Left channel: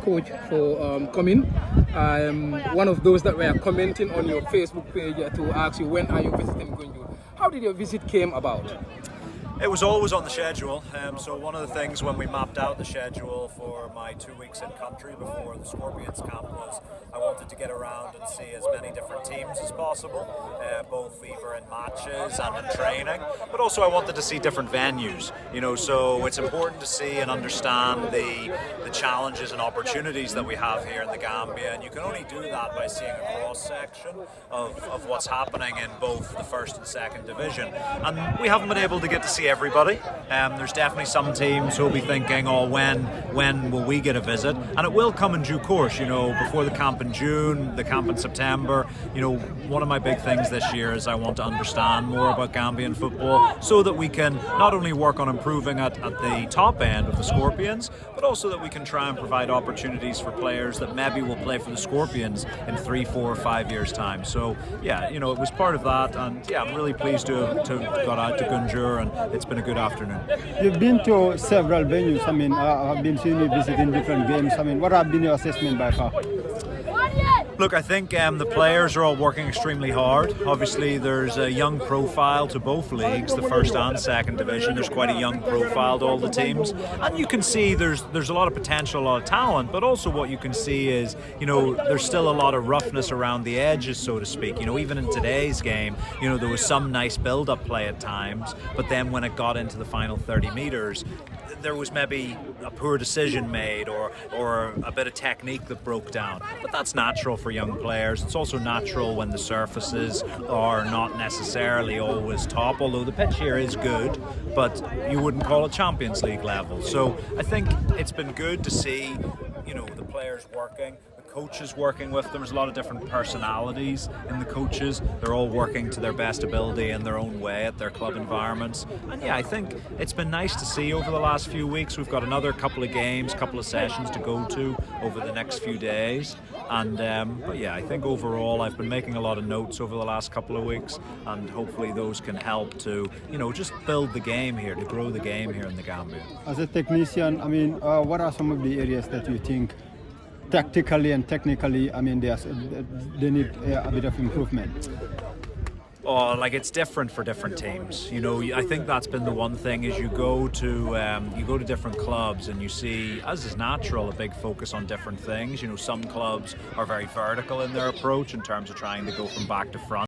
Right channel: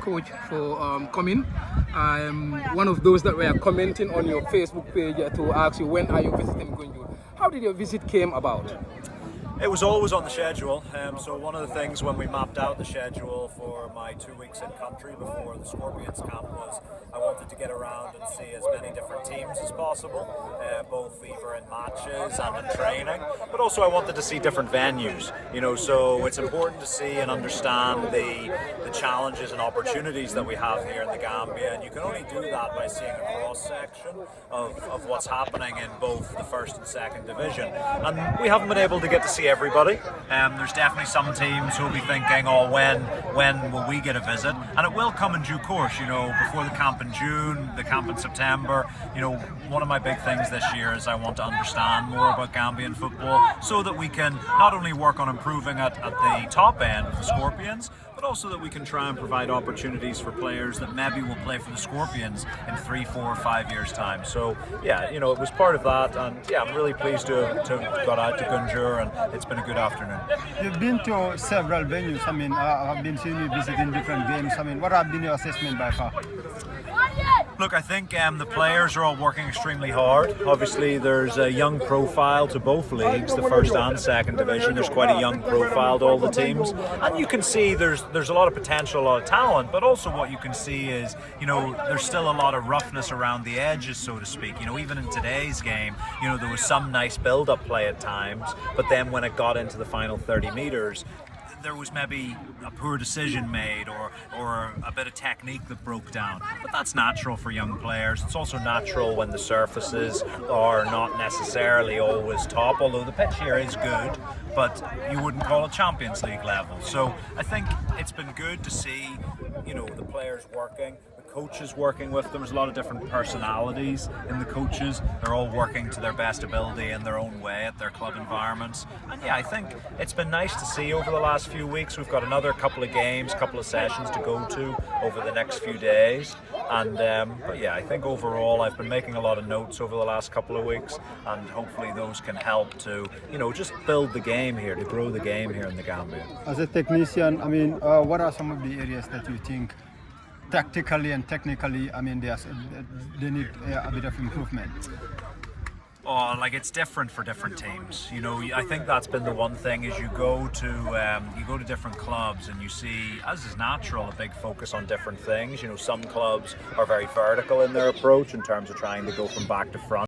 Coach, for coming. I'm one of those that were commenting on your Facebook page to ask you when are you visiting Gunjur. How did your visit came about? It was always on the schedule, so one of the things when we mapped out the schedule for my 2 weeks in country before the Scorpions camp was I wanted to get around and see as many different teams as possible, both either in matches and in training, but also I wanted to see different venues, so it's important to see and understand the challenges and opportunities that we have here in the Gambia, and you can only do that by seeing a cross-section of what's happening in both the first and second division, and we haven't been able to get to see everybody. There's definitely some teams who will be thinking, oh, when will we get a visit? And it will come in due course, before the camp in June, the camp in September. One of my big things this year is I want to understand more about Gambian football so that we can not only work on improving at the top end of the Scorpions, but also that we can try and provide opportunities for players that maybe will play for the Scorpions in 3, 4, 5 years' time. So yeah, it was part of that, and yeah, I'm really pleased to have got out to Gunjur, and it's been a good afternoon. You've been to several venues. I've been seeing you visiting different games. What have been your assessment by far? Look, I think the players are all working extremely hard. Obviously, there's a young profile to both leagues, the first and second division. There's quite a young profile to all the teams. And you can see there's a lot of potential, a lot of talent, but also what you can see is, there's still a lot of roughness around the edges, so to speak. Even in today's game, there was some nice build-up play at times, but then when it got into the final 30 metres, there was maybe a poor decision made or a bit of technique that broke down. But that's natural for young players. It's also natural when the surfaces are not necessarily always top, although the pitch here is good, but you wouldn't call it Champions League level. So I think it's been good to see, the players working, the coaches working with them. There's a lot of different personalities in the coaches. They're all working to their best ability in their own way at their club environments. And yeah, I think it's been nice to see over the last few weeks. We've got another couple of games, couple of sessions to go to over the next few days. And but yeah, I think overall I've been making a lot of notes over the last couple of weeks, and hopefully those can help to, just build the game here, to grow the game here in the Gambia. As a technician, what are some of the areas that you think tactically and technically, they need a bit of improvement? Oh, it's different for different teams. I think that's been the one thing is you go to different clubs and you see, as is natural, a big focus on different things. Some clubs are very vertical in their approach in terms of trying to go from back to front.